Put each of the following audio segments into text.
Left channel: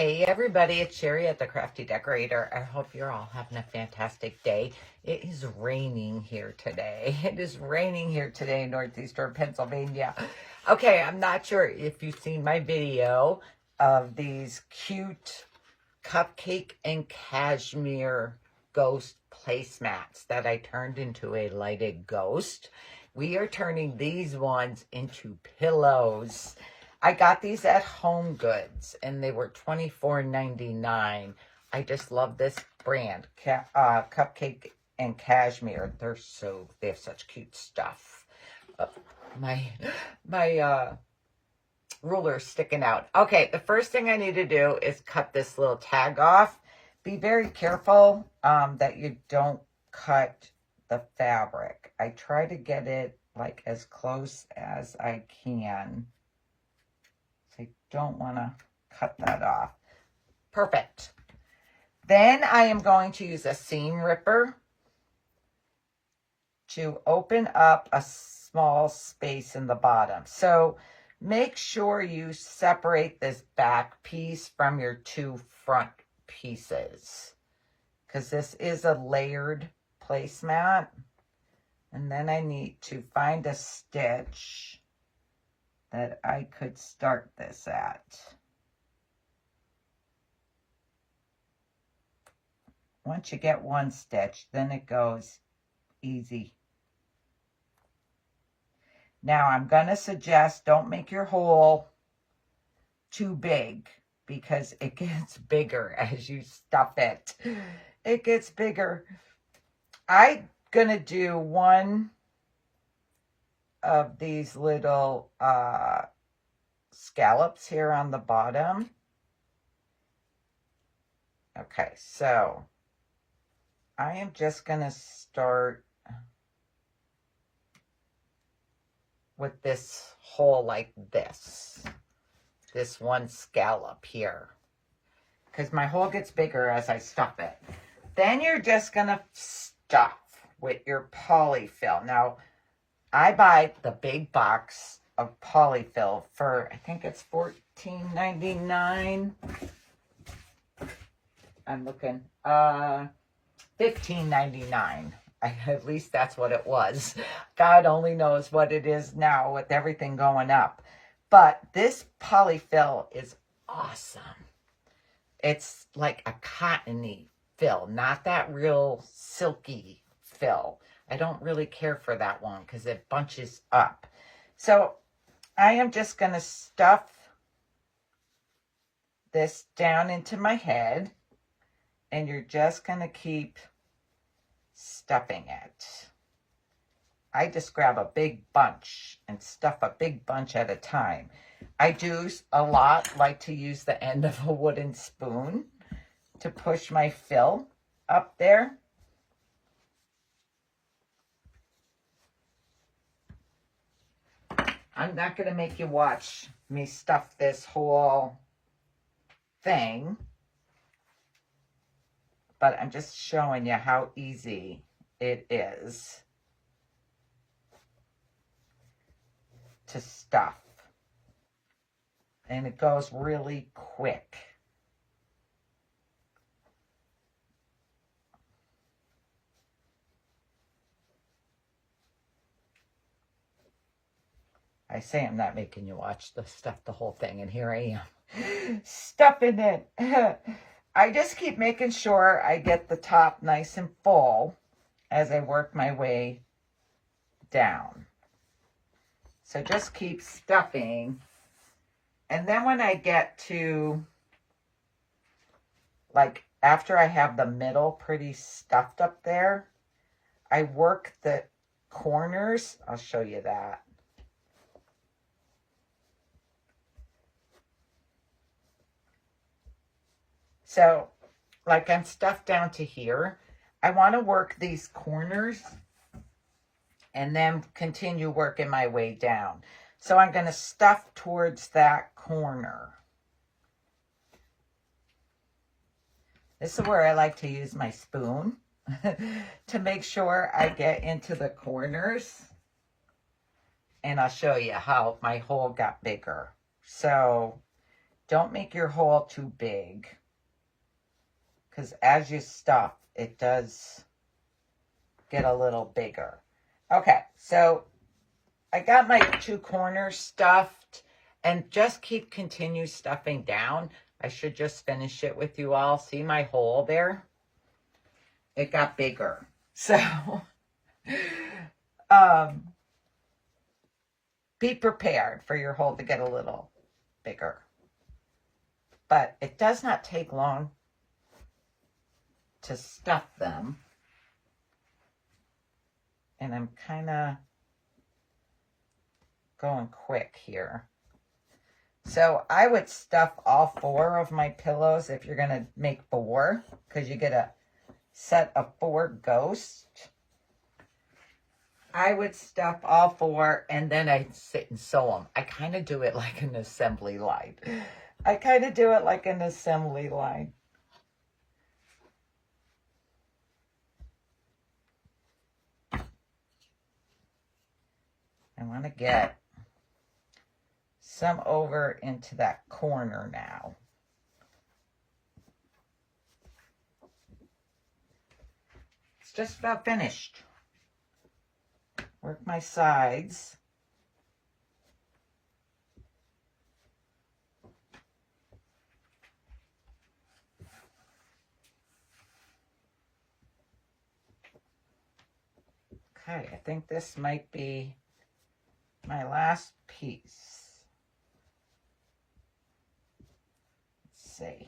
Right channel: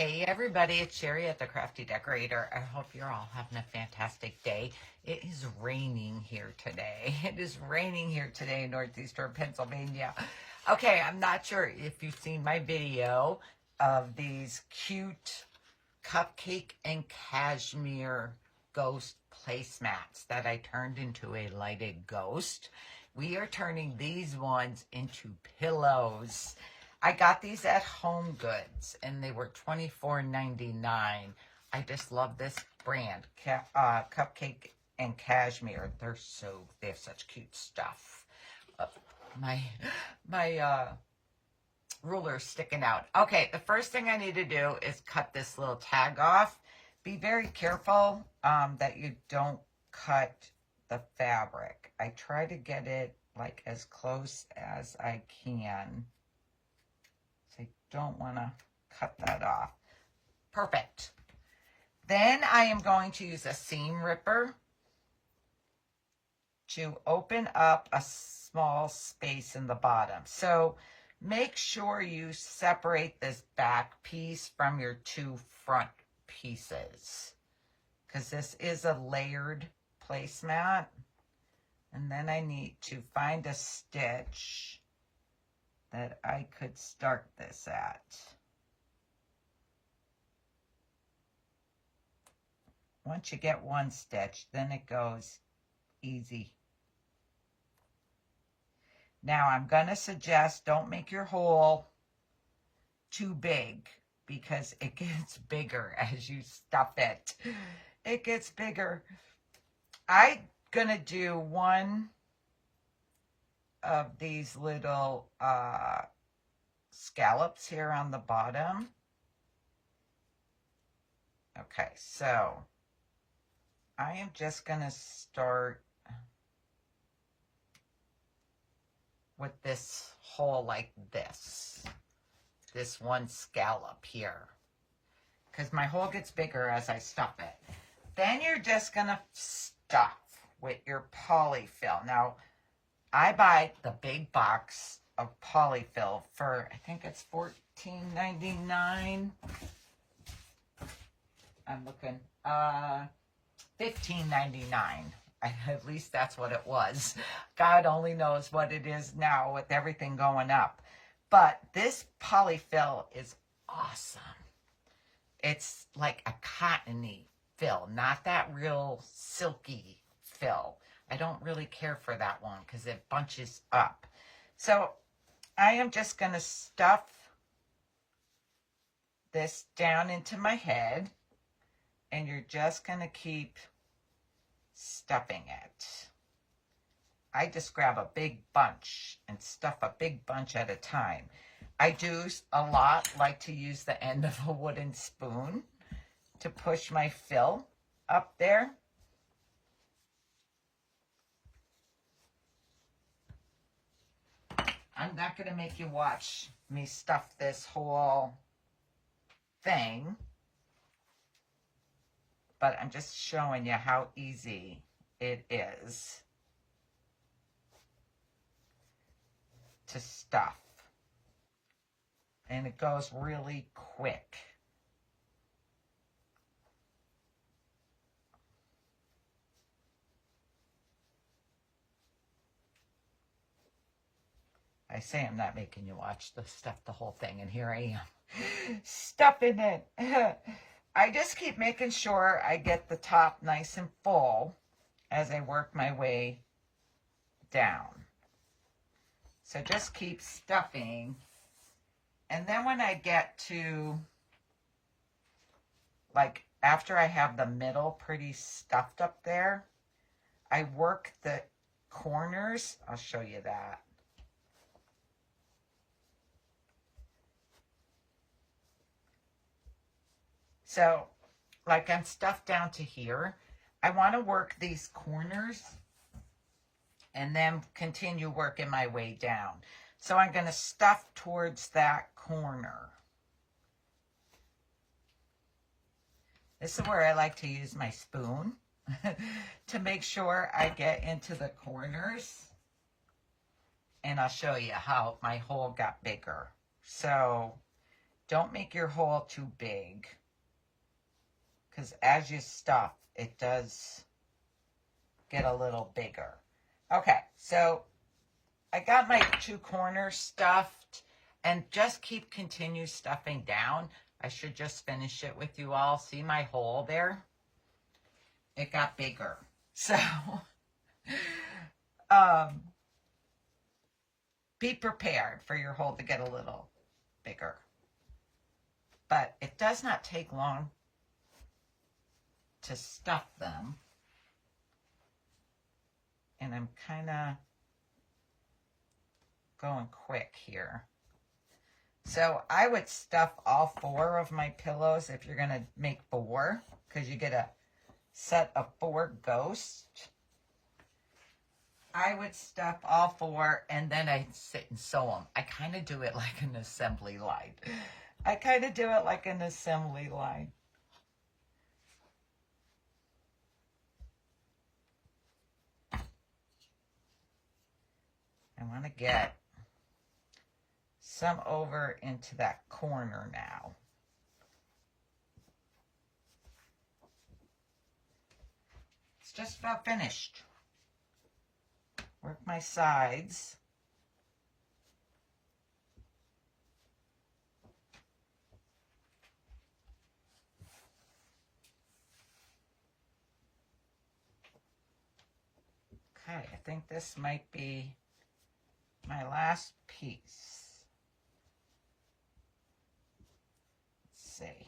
Hey everybody, it's Sherry at the Crafty Decorator. I hope you're all having a fantastic day. It is raining here today. It is raining here today in northeastern Pennsylvania. Okay, I'm not sure if you've seen my video of these cute cupcake and cashmere ghost placemats that I turned into a lighted ghost. We are turning these ones into pillows. I got these at Home Goods, and they were $24.99. I just love this brand, Cupcake and Cashmere. They have such cute stuff. My ruler's sticking out. Okay, the first thing I need to do is cut this little tag off. Be very careful that you don't cut the fabric. I try to get it like as close as I can. I don't want to cut that off. Perfect. Then I am going to use a seam ripper to open up a small space in the bottom. So make sure you separate this back piece from your two front pieces, because this is a layered placemat. And then I need to find a stitch that I could start this at. Once you get one stitch, then it goes easy. Now I'm going to suggest don't make your hole too big, because it gets bigger as you stuff it. It gets bigger. I'm going to do one of these little scallops here on the bottom. Okay, so I am just going to start with this hole like this one scallop here, because my hole gets bigger as I stuff it. Then you're just going to stuff with your polyfill. Now, I buy the big box of polyfill for, I think it's $14.99. I'm looking, $15.99. At least that's what it was. God only knows what it is now with everything going up. But this polyfill is awesome. It's like a cottony fill, not that real silky fill. I don't really care for that one because it bunches up. So I am just going to stuff this down into my head, and you're just going to keep stuffing it. I just grab a big bunch and stuff a big bunch at a time. I do a lot like to use the end of a wooden spoon to push my fill up there. I'm not going to make you watch me stuff this whole thing, but I'm just showing you how easy it is to stuff. And it goes really quick. I say I'm not making you watch the whole thing, and here I am stuffing it. I just keep making sure I get the top nice and full as I work my way down. So just keep stuffing. And then when I get to, like, after I have the middle pretty stuffed up there, I work the corners. I'll show you that. So, like, I'm stuffed down to here. I want to work these corners and then continue working my way down. So I'm going to stuff towards that corner. This is where I like to use my spoon to make sure I get into the corners. And I'll show you how my hole got bigger. So don't make your hole too big, because as you stuff, it does get a little bigger. Okay, so I got my 2 corners stuffed, and just continue stuffing down. I should just finish it with you all. See my hole there? It got bigger. So, be prepared for your hole to get a little bigger. But it does not take long to stuff them. And I'm kind of going quick here. So I would stuff all 4 of my pillows if you're going to make 4, because you get a set of 4 ghosts. I would stuff all 4, and then I'd sit and sew them. I kind of do it like an assembly line. I want to get some over into that corner now. It's just about finished. Work my sides. Okay, I think this might be my last piece. Let's see.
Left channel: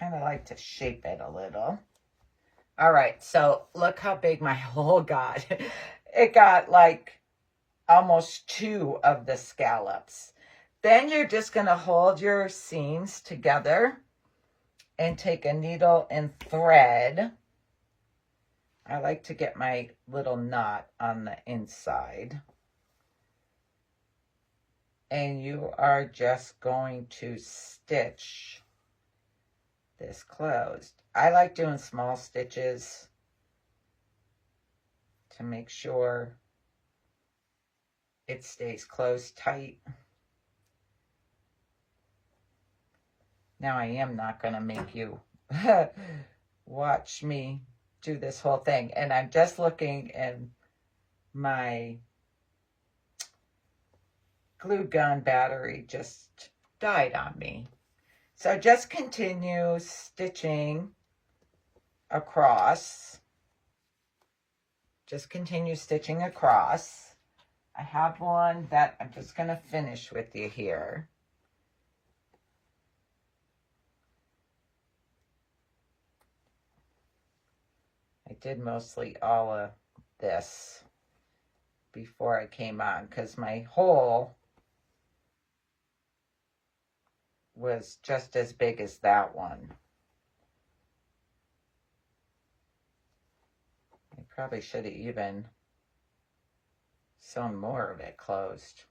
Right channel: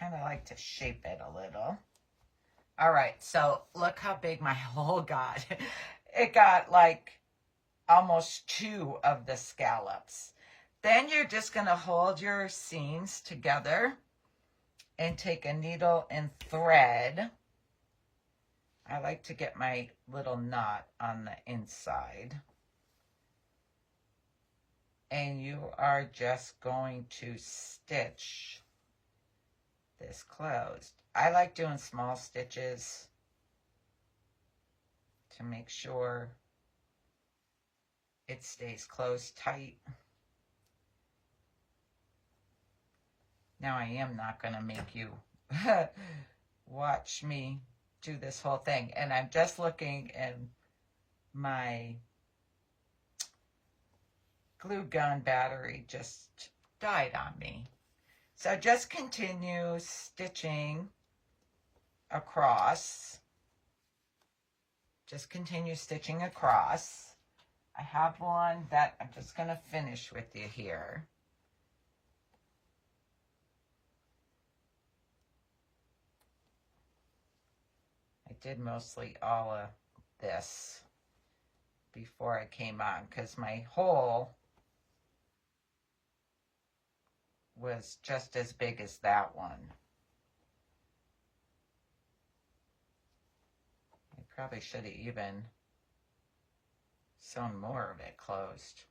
Kind of like to shape it a little. All right, so look how big my hole got. It got like almost 2 of the scallops. Then you're just going to hold your seams together and take a needle and thread. I like to get my little knot on the inside. And you are just going to stitch this closed. I like doing small stitches to make sure it stays closed tight. Now I am not going to make you watch me do this whole thing. And I'm just looking, and my glue gun battery just died on me. So just continue stitching across. Just continue stitching across. I have one that I'm just going to finish with you here. I did mostly all of this before I came on, because my hole was just as big as that one. I probably should have even sewn more of it closed.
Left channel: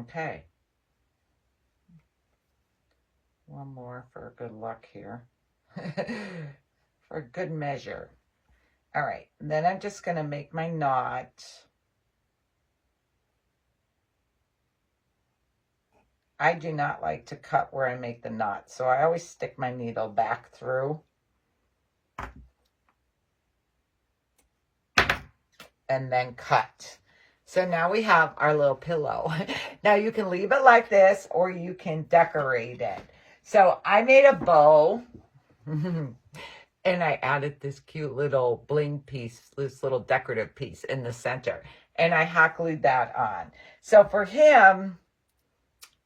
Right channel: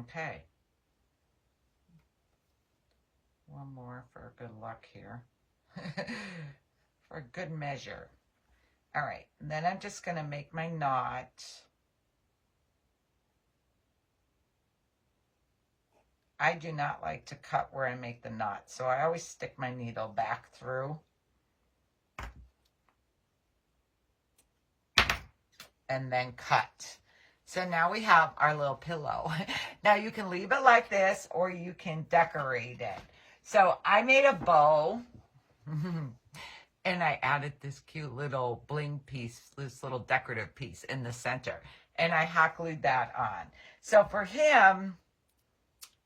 Okay. One more for good luck here. For good measure. All right. Then I'm just going to make my knot. I do not like to cut where I make the knot, so I always stick my needle back through. And then cut. So now we have our little pillow. Now you can leave it like this, or you can decorate it. So I made a bow, and I added this cute little bling piece, this little decorative piece in the center, and I hot glued that on. So for him,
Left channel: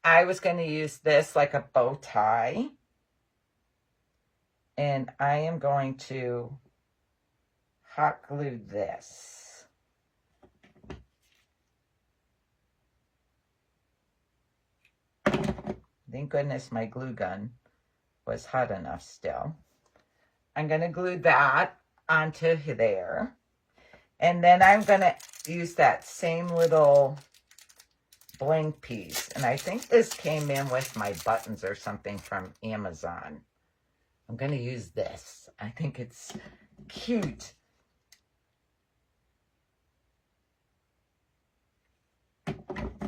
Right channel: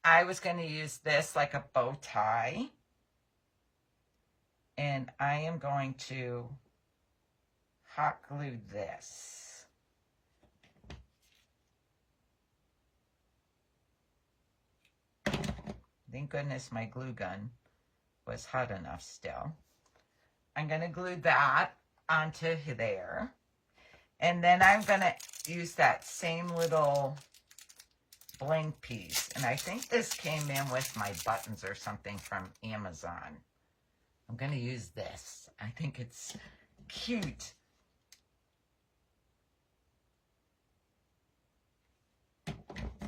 I was going to use this like a bow tie, and I am going to hot glue this. Thank goodness my glue gun was hot enough still. I'm going to glue that onto there. And then I'm going to use that same little bling piece. And I think this came in with my buttons or something from Amazon. I'm going to use this. I think it's cute.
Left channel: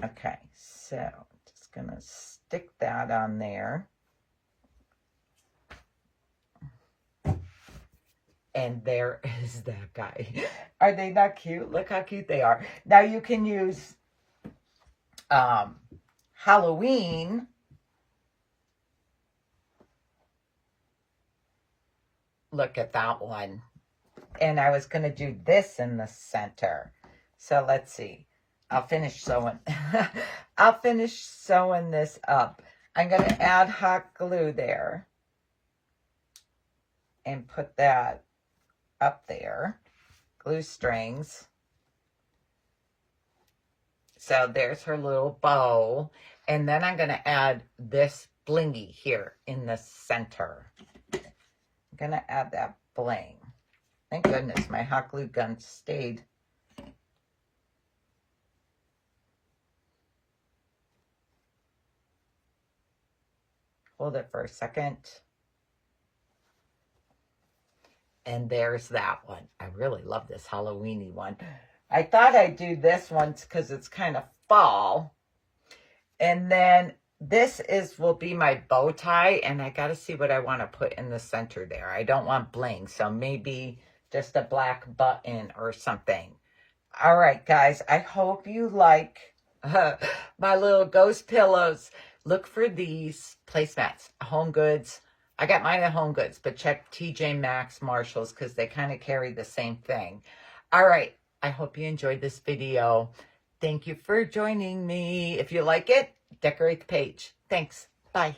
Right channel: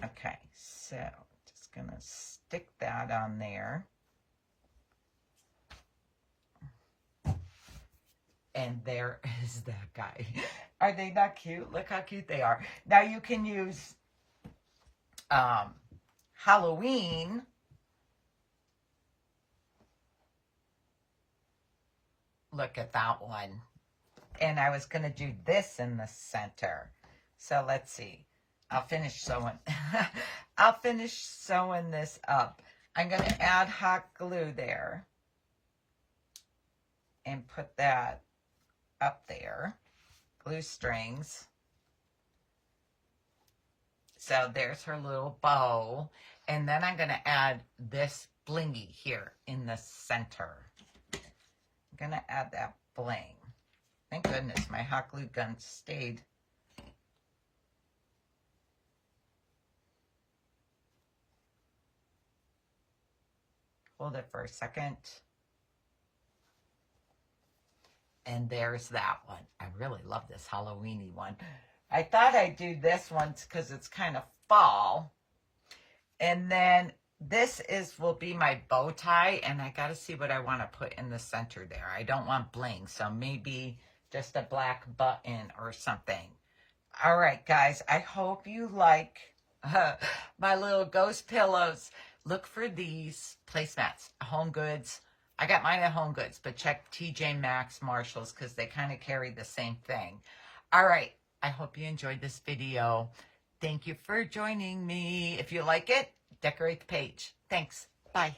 Okay, so just going to stick that on there. And there is that guy. Are they not cute? Look how cute they are. Now you can use Halloween. Look at that one. And I was going to do this in the center. So let's see. I'll finish sewing. I'll finish sewing this up. I'm going to add hot glue there. And put that up there. Glue strings. So there's her little bow. And then I'm going to add this blingy here in the center. I'm going to add that bling. Thank goodness my hot glue gun stayed. Hold it for a second. And there's that one. I really love this Halloween-y one. I thought I'd do this one because it's kind of fall. And then this will be my bow tie. And I got to see what I want to put in the center there. I don't want bling. So maybe just a black button or something. All right, guys. I hope you like my little ghost pillows. Look for these placemats, Home Goods. I got mine at Home Goods, but check TJ Maxx, Marshalls, because they kind of carry the same thing. All right. I hope you enjoyed this video. Thank you for joining me. If you like it, decorate the page. Thanks. Bye.